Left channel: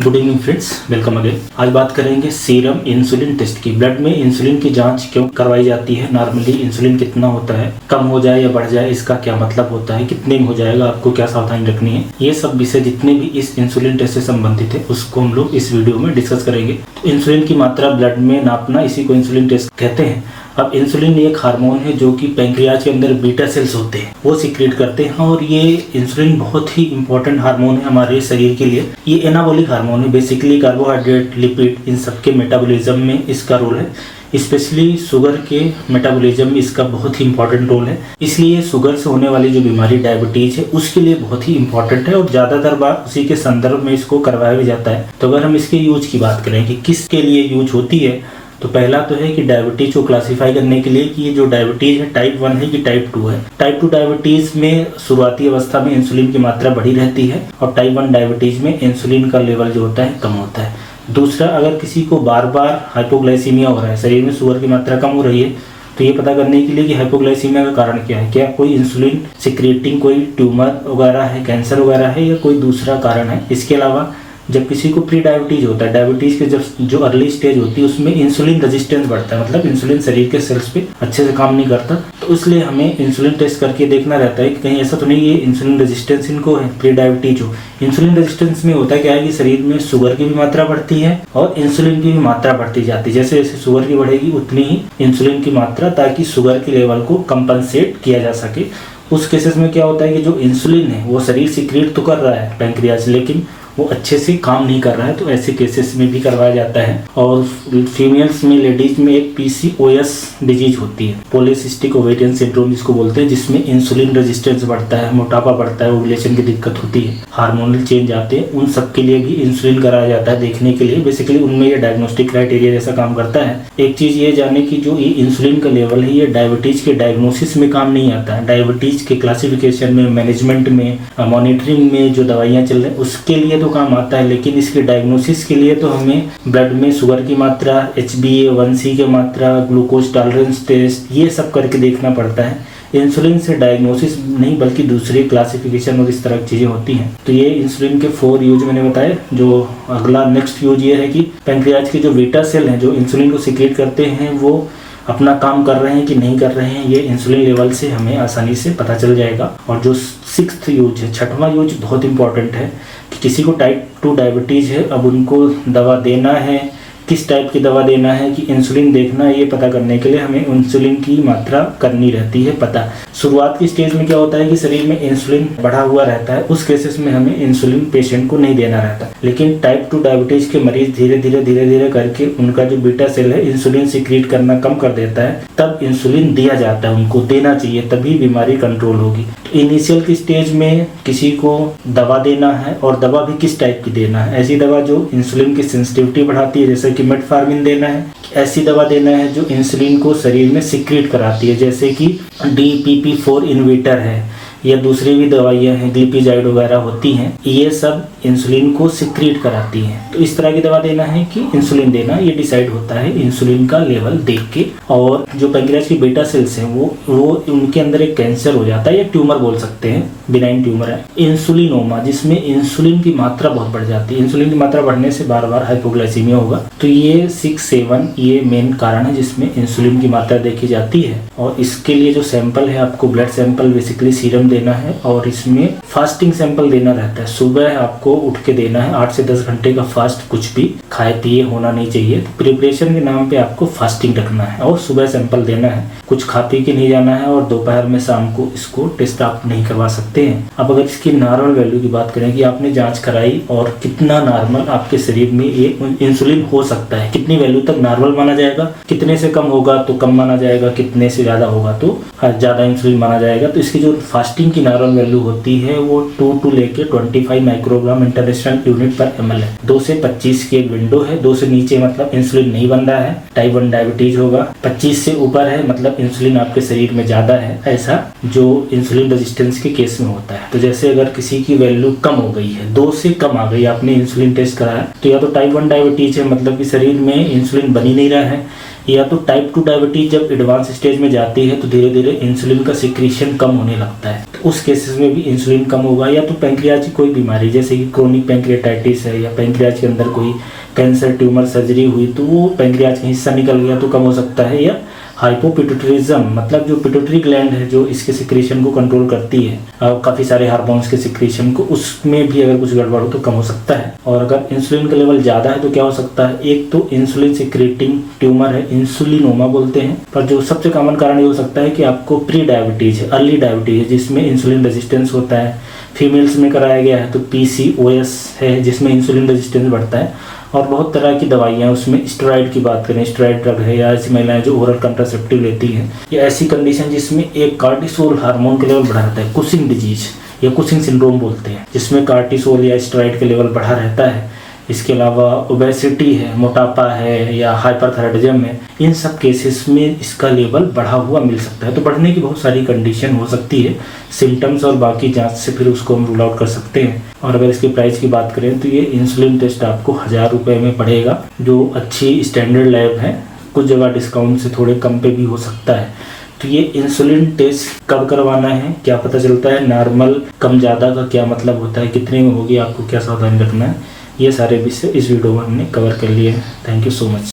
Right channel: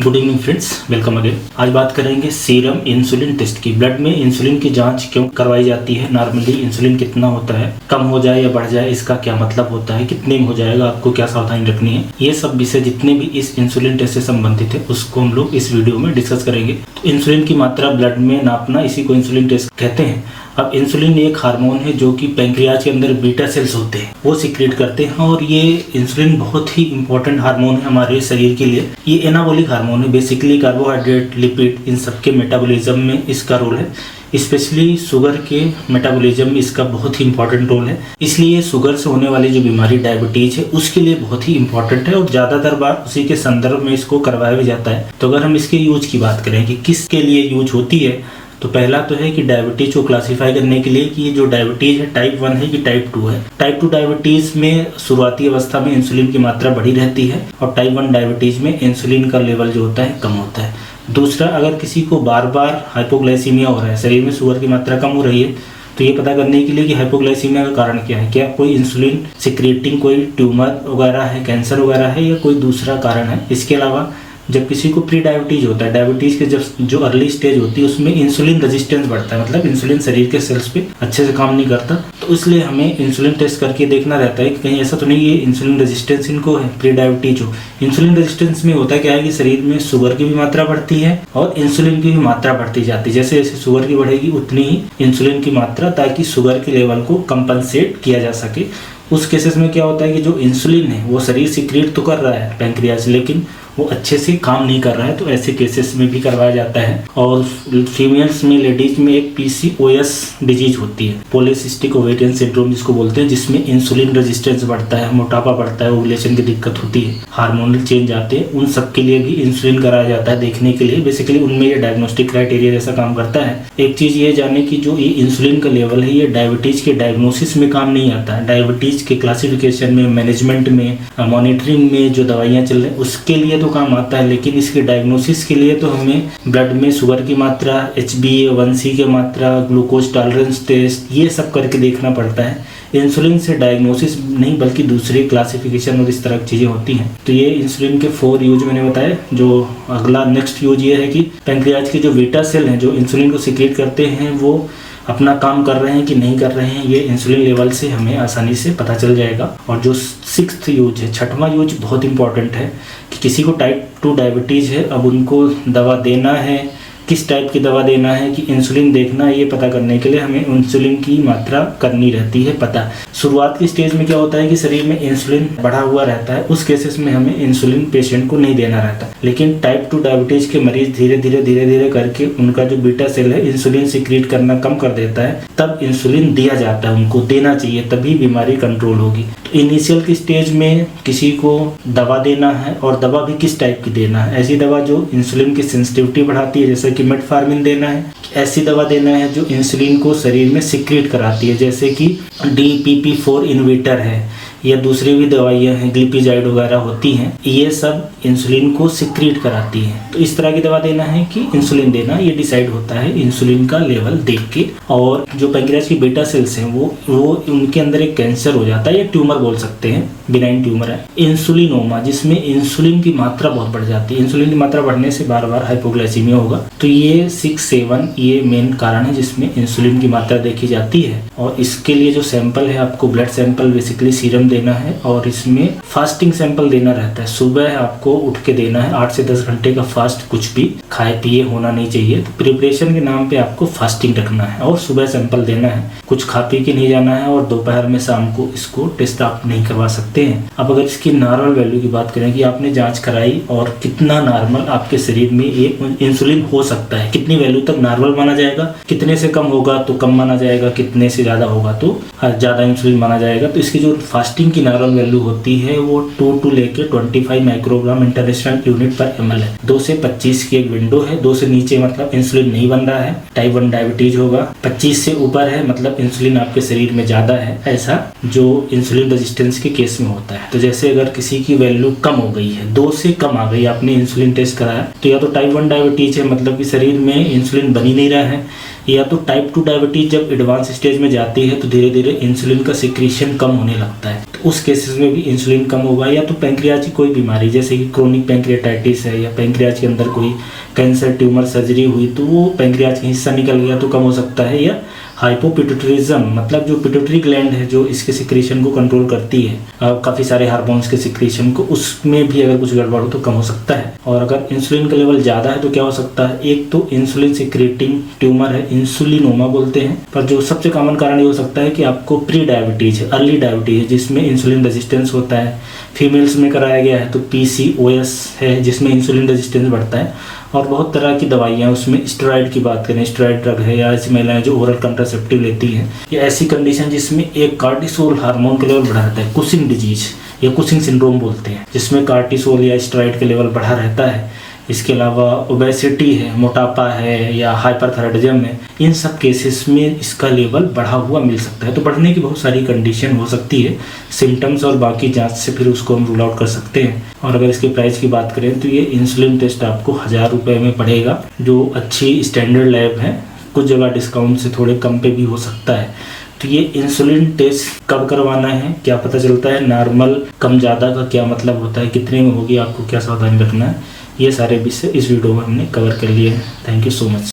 Good evening friends, welcome again. आज बात करेंगे सीरम इंसुलिन टेस्ट की। ब्लड में इंसुलिन की जांच क्यों करवाई जाती है, नॉर्मली इंसुलिन कितना होता है, कम हो जाए या बढ़ जाए इसका क्या मतलब होता है, कितने में हो जाएगा, आपको क्या सावधानी रखनी है, ये सब विषय जितने भी इस इंसुलिन टेस्ट से संबंधित है उसको हम लोग इस वीडियो में डिस्कस करेंगे। तो इंसुलिन की मात्रा ब्लड में नापना, इसी को इंसुलिन टेस्ट कहते हैं। अब इंसुलिन एक हार्मोन है जो कि पैंक्रियाज के अंदर बीटा सेल्स होते हैं वो सीक्रेट करते हैं, और ये इंसुलिन बहुत ही इंपॉर्टेंट हार्मोन है हमारे शरीर के लिए। ये एनाबॉलिक हार्मोन है, बेसिकली कार्बोहाइड्रेट, लिपिड, इन सब के मेटाबॉलिज्म में इसका रोल है। स्पेशली शुगर के मेटाबॉलिज्म इसका बहुत ही इंपॉर्टेंट रोल है। इसलिए शुगर से होने वाली जो बीमारी डायबिटीज है उसके लिए बहुत ही इंपॉर्टेंट है, और ज्यादातर बार उसी के संदर्भ में इसको करवाया भी जाता है। तो अगर हम इसके यूज की बात करें कि किसके लिए यूज होती है, तो पहला तो है कि डायबिटीज को क्लासिफाई करने के लिए कि ये जो डायबिटीज है टाइप 1 है कि टाइप 2 है। टाइप 2 डायबिटीज में शुरुआती अवस्था में इंसुलिन की मात्रा बढ़ी रहती है, और टाइप 1 डायबिटीज में इंसुलिन का लेवल जो होता है कम होता है। दूसरा, अगर किसी को बार बार हाइपोग्लाइसीमिया हो रहा है, शरीर में शुगर की मात्रा कम हो रही है, तो ये पता करने के लिए कि हाइपोग्लाइसीमिया का कारण क्या है, क्या कोई इंसुलिन सिक्रेटिंग कोई ट्यूमर वगैरह है, कैंसर वगैरह है, या कोई दूसरा कारण है। इसके अलावा जब किसी को प्री डायबिटीज होता है, डायबिटीज के जब जो अर्ली स्टेज होती है उसमें इंसुलिन रेजिस्टेंस बढ़ता है, मतलब इंसुलिन शरीर के सेल्स पे अच्छे से काम नहीं करता, तो इसलिए हमें इंसुलिन टेस्ट करके देखना रहता है कि कहीं ऐसा तो नहीं ये इंसुलिन रेजिस्टेंस इनको है, प्री डायबिटीज हो। इंसुलिन रेजिस्टेंस में होता क्या है कि शरीर में शुगर की भी मात्रा बढ़ती है और इंसुलिन की भी मात्रा बढ़ती जाती है। जैसे जैसे शुगर की बढ़ेगी उतनी ही इंसुलिन की मात्रा, ताकि शुगर के लेवल को कंपनसेट किया जा सके। उस केसेस में क्या होता है कि जो इंसुलिन है वो शरीर सीक्रेट तो कर रहा है पैंक्रियाज, लेकिन वो अच्छे से काम नहीं कर रहा है, तो ऐसे केसेस में भी करवाया जाता है। और फीमेल्स में, लेडीज में एक PCOS डिजीज होती है, पॉलीसिस्टिक ओवेरियन सिंड्रोम जिसको बोलते हैं, जिसमें इंसुलिन रेजिस्टेंस बढ़ता है, मोटापा बढ़ता है, ओवुलेशन की दिक्कत होती है, हार्मोनल चेंज आते हैं, उन सब के लिए भी इंसुलिन कराया जाता है देखने के लिए। बेसिकली उनमें ये डायग्नोस्टिक क्राइटेरिया जैसा काम करता है। एक चीज ये जाने की जो ये इंसुलिन का लेवल है ये डायबिटीज के डायग्नोसिस में काम नहीं आता है, डायबिटीज के क्लासिफिकेशन में, मैनेजमेंट में, मॉनिटरिंग में जो दवाइयाँ चल रही है उसके लिए तो काम आता है, लेकिन इसके डायग्नोसिस के लिए तो हमें ब्लड में शुगर की मात्रा, HbA1c की मात्रा, ग्लूकोज टॉलरेंस टेस्ट, ये सब करके देखना पड़ता है। इंसुलिन से डायग्नोसिस नहीं बल्कि दूसरी क्लासिफिकेशन और इस तरह की चीज़ें होती हैं। तो ये इंसुलिन के 4 यूज मैंने बताए। जो अगला नेक्स्ट यूज ये है कि पैंक्रियाज के जो बीटा सेल हैं जो इंसुलिन को सीक्रेट करते हैं वो अपना काम कर रहे हैं कि नहीं कर रहे हैं, ये इंसुलिन लेवल से हमें आसानी से पता चल जाएगा। और जो 6th यूज है, 6वां यूज बहुत इंपॉर्टेंट है कि किसी को टाइप 2 डायबिटीज़ है, अब उनको दवा देना है, किस टाइप की दवा देना है कि इंसुलिन देखना है, ये पता करने के लिए हमें इंसुलिन की मात्रा करनी रहती है पता। शुरुआत की स्टेज में क्या होता है कि शरीर में इंसुलिन बढ़ा हुआ रहता है, उस केसेस में हमें इंसुलिन पेशेंट को नहीं देना रहता। लेकिन टाइप 2 डायबिटीज के मरीज धीरे धीरे करके उनका जो बीटा सेल है इंसुलिन सीक्रेट करना कम कर देता है, तब इंसुलिन दिया जाता है, उनको देना चाहिए, तभी बीमारी कंट्रोल होगी। तो इनिशियल की स्टेज में किसी को दवा देना है, और दवा भी किस टाइप की देना है, ऐसी दवा जो इंसुलिन की सेंसिटिविटी बढ़ाती है, जैसे कि मेटफॉर्मिन देना है, ऐसी दवा देना है जो इंसुलिन को शरीर में सीक्रेट कराती है, जैसे कि DPP4 इनहिबिटर है, या दूसरी भी दवाइयाँ हैं, ग्लिपिजाइड वगैरह होती हैं, ये सब इंसुलिन को सीक्रेट कराती हैं। तो इस तरह की दवा देना है कि इंसुलिन देना, ये डिसाइड होता है इंसुलिन का लेवल देख के। और जो पैंक्रियाज की बीटा सेल्स हैं वो उनके अंदर एक कैंसर हो जाता है, या ट्यूमर बोल सकते हैं, बिनाइन ट्यूमर है, इंसुलिनोमा, जिसमें इंसुलिन की मात्रा बहुत बढ़ जाती है। इंसुलिन की मात्रा बढ़ने से बार बार हाइपोग्लाइसीमिया होगा। तो ये 6-7 ये मेन कारण है जिसमें इंसुलिन की मात्रा देखी जाती है। और इसके लिए जो सैंपल है, आपको ब्लड सैंपल बेसिकली सीरम देना है, और इसमें फास्टिंग सैंपल देना रहता है। सुबह आपको उठ के देना है, 8 से 10 घंटे का फास्ट, कुछ भी खाए पिए होना नहीं चाहिए। तो प्रिपरेशन के नाम पे आपको फास्टिंग रखना है और सुबह सैंपल देना है, कुछ खा पी के नहीं जाना है, और दोपहर में शाम को इसको टेस्ट आप नहीं करवा सकते हैं। अब अगर इसकी नॉर्मल वैल्यू की बात करें कि आपने जांच कराई और कितना नॉर्मल आपके शरीर में ये इंसुलिन हो सकता है, कितनी वैल्यू तक नॉर्मल माना जाएगा, कितने से कम होगा तो कम माना जाएगा, कितने से ज्यादा होगा तो ज्यादा इंसुलिन माना जाएगा। तो इसकी जो फास्टिंग की नॉर्मल वैल्यू होती है वो 2 to लेके 25 माइक्रोग्राम इंटरनेशनल यूनिट पर ml है। 2 से 25 की एक विंडो है, 2 से नीचे मतलब इंसुलिन नहीं बन रहा है, टाइप 1 डायबिटीज होगा। 25 से ऊपर है मतलब इंसुलिन आपके शरीर में ज्यादा है, ऐसा जो इंसुलिन रेजिस्टेंस के केस में होता है। तो जैसे अगर किसी की वैल्यू कम हो गई है, 2 से कम आ गई, आपने इंसुलिन टेस्ट कराया, तो या तो टाइप 1 डायबिटीज है, मतलब कि शरीर में इंसुलिन बन ही नहीं रहा है, या तो टाइप 2 डायबिटीज जब एडवांस स्टेज में जाती है तो धीरे धीरे इंसुलिन का सिक्रीशन कम होने लगता है, तो उस केसेस में भी इंसुलिन कम होगा। या तो पैंक्रियाज की कोई बीमारी जैसे कि क्रोनिक पैंक्रियाटाइटिस है या पैंक्रियाज के अंदर कोई कैंसर ट्यूमर सर्जरी हुई तो वो पैंक्रियाज का हिस्सा निकल गया तो कम हो सकता है। या हाइपोपिट्यूटरिज्म मतलब जो पिट्यूटरी ग्लैंड है जो इसके सिक्रेशन को कंट्रोल करती है काफ़ी सारे हार्मोन्स के सिक्रेशन को, उसमें भी अगर कुछ गड़बड़ हो तो कम हो सकता है। और अगर इंसुलिन का लेवल ज़्यादा है तो क्या हो सकता है, एक तो इंसुलिन सिक्रेटिंग ट्यूमर है, इंसुलिनोमा बोलते हैं, पर जो सबसे कॉमन कारण ये हो सकता है कि आपको प्री डायबिटीज है, अर्ली डायबिटीज है जिसमें इंसुलिन रेजिस्टेंस होता है। फीमेल्स में कराया गया है तो PCOS है जिसमें इंसुलिन रेजिस्टेंस बढ़ता है। और बहुत तरह की दवाइयाँ उसमें स्टेरॉइड की बात करें, स्टेरॉइड ड्रग है, या ऐसी महिलाएं जो ओरल कंट्रासेप्टिव लेती हैं, या ऐसी कंडीशन जिसमें एक कार्टिसोल हार्मोन के लेवल बढ़ा रहता है, कुशिंग डिजीज या कुशिंग सिंड्रोम बोलते हैं, जिसमें कार्टिसोल या स्टेरॉइड के लेवल बढ़ा रहता है। इसके अलावा ओबेसिटी है, मोटापा है, या हाइपरथायराइडिज्म है, इन सब केसेस में इसका लेवल बढ़ा हुआ मिल सकता है। तो बढ़ने की बहुत सारी कंडीशन हो सकती है, सिम्टम्स और बाकी जांच से फिर उसको हम रूल आउट कर सकते हैं। और अगर इसके प्राइस की बात करें तो ये इंसुलिन टेस्ट आपको 1000 रुपये में पड़ेगा, जो अच्छी स्टैंडर्ड लैब है, कुछ जगह डिस्काउंट से थोड़े कम पे भी हो सकता है। तो ये इंसुलिन टेस्ट कब करवाना है, क्या पता चलता है, नॉर्मल कम ज़्यादा का क्या मतलब होता है, कितने में होगी, आपको क्या सावधानी रखना है, ये सारे विषय इस वीडियो में हमने कवर कर लिए। Thank you so much.